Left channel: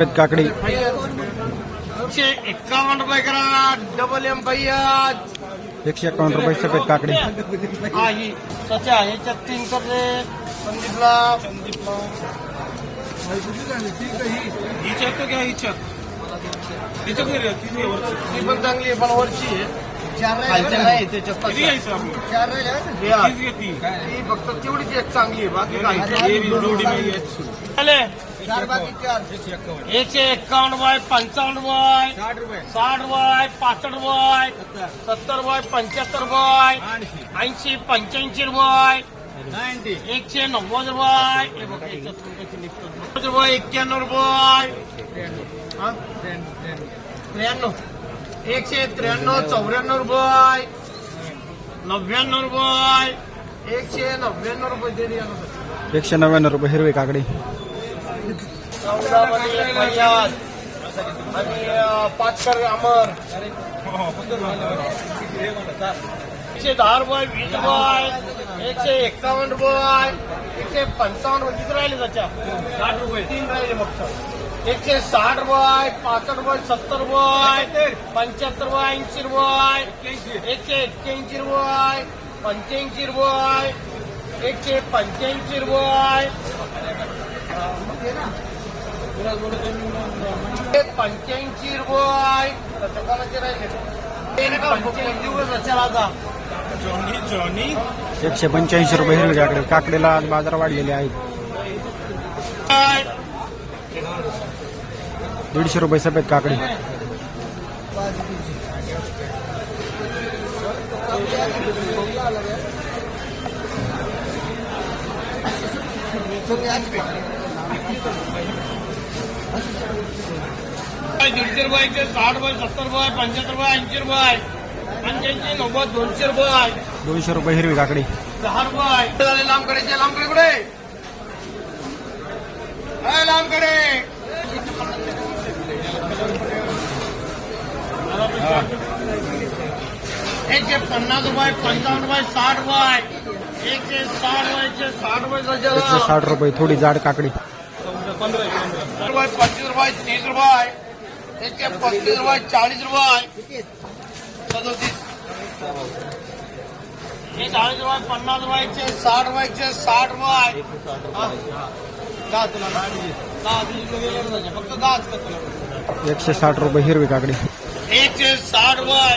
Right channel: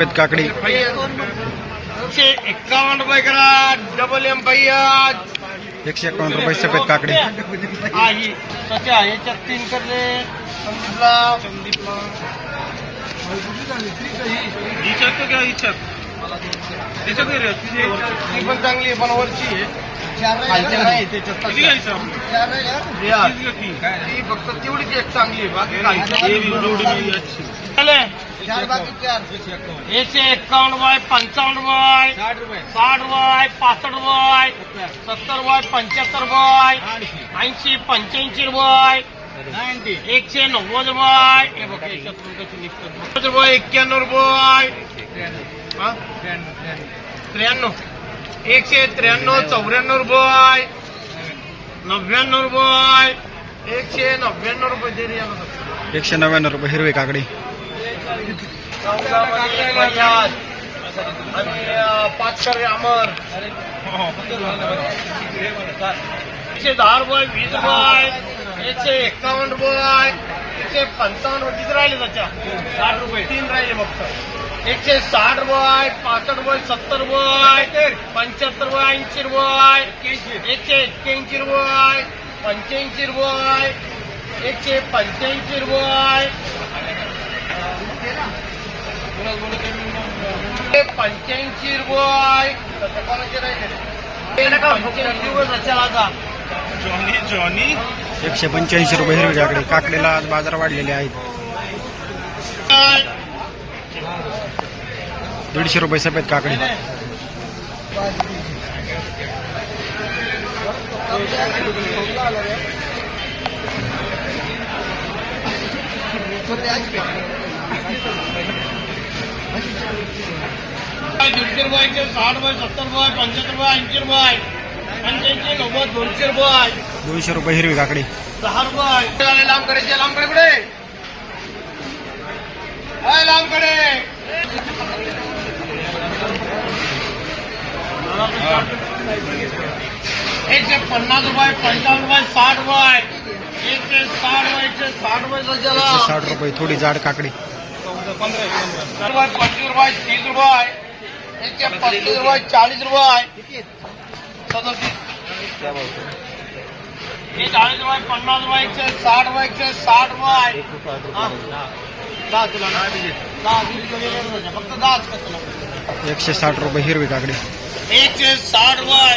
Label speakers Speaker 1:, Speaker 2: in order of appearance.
Speaker 1: કાકડી
Speaker 2: रुपए રૂપિયા કરા ડબલ એમ
Speaker 1: ભૈયા એકસો એકાવન રૂપિયા तीन कर चांगली एक चांगली आहे एकशे एक्कावन्न रुपये पंचावन्न रुपये साठ रुपये पासष्ट रुपये सत्तर रुपये पंच्याहत्तर रुपये ऐंशी पंच्याऐंशी रुपये एकशे नव्वद निघतात. नव्वद रुपये एक्क्याण्णव रुपये हा? त्र्याण्णव एकशे त्र्याण्णव चौऱ्याण्णव रुपये नव्याण्णव रुपये एकशे नव्याण्णव रुपये.
Speaker 2: एकशे नव्याण्णव रुपये हिरवी काकडी.
Speaker 1: आणि पाच कर अमर एकशे दहा रुपये वीस रुपये एकशे एक्कावन्न रुपये एकशे पंचावन्न रुपये किती राहिले त्याच्या साठ रुपये तीन राहिले फक्त एकशे साठ रुपये पासष्ट रुपये सत्तर रुपये पंच्याहत्तर रुपये ऐंशी रुपये एकशे एक्क्याऐंशी रुपये पंच्याऐंशी रुपये एकशे पंच्याऐंशी रुपये पंच्याऐंशी रुपये. त्याच्या कोणाचे राहिले. ते नका पंच्याऐंशी रुपये त्याच्याला आता
Speaker 3: जॉनी जॉनी.
Speaker 2: एकशे पंच्याऐंशी रुपये हिरवी काकडी काकडीला आज बाजार वाढलेले आहेत. दीडशे रुपये सफेद काकडी.
Speaker 1: दीडशे रुपयाचे साठ रुपये सत्तर रुपये पंच्याहत्तर रुपये ऐंशी रुपये पंच्याऐंशी नव्वद दोनशे रुपये
Speaker 2: दोनशे रुपये हिरवी काकडी.
Speaker 1: दहा रुपये झाले लांबकडेचे लांबकडे कुठे आहे लांबकडे एकशे पन्नास रुपये पंचावन्न रुपये साठ रुपये. एकशे साठ रुपये एकशे साठ रुपये
Speaker 2: साठ रुपये थोडी जाड काकडी.
Speaker 1: पंचवीस रुपये. तीस रुपये. एकशे पस्तीस रुपये चाळीस रुपये. सदोतीस. हे चाळीस रुपये पन्नास रुपये एकशे साठ रुपये एकशे साठ रुपये. दहा तुला? दहा झालं. फक्त दहाच
Speaker 2: एकशे साठ रुपये हिरवी काकडी.
Speaker 1: एकशे साठ रुपये.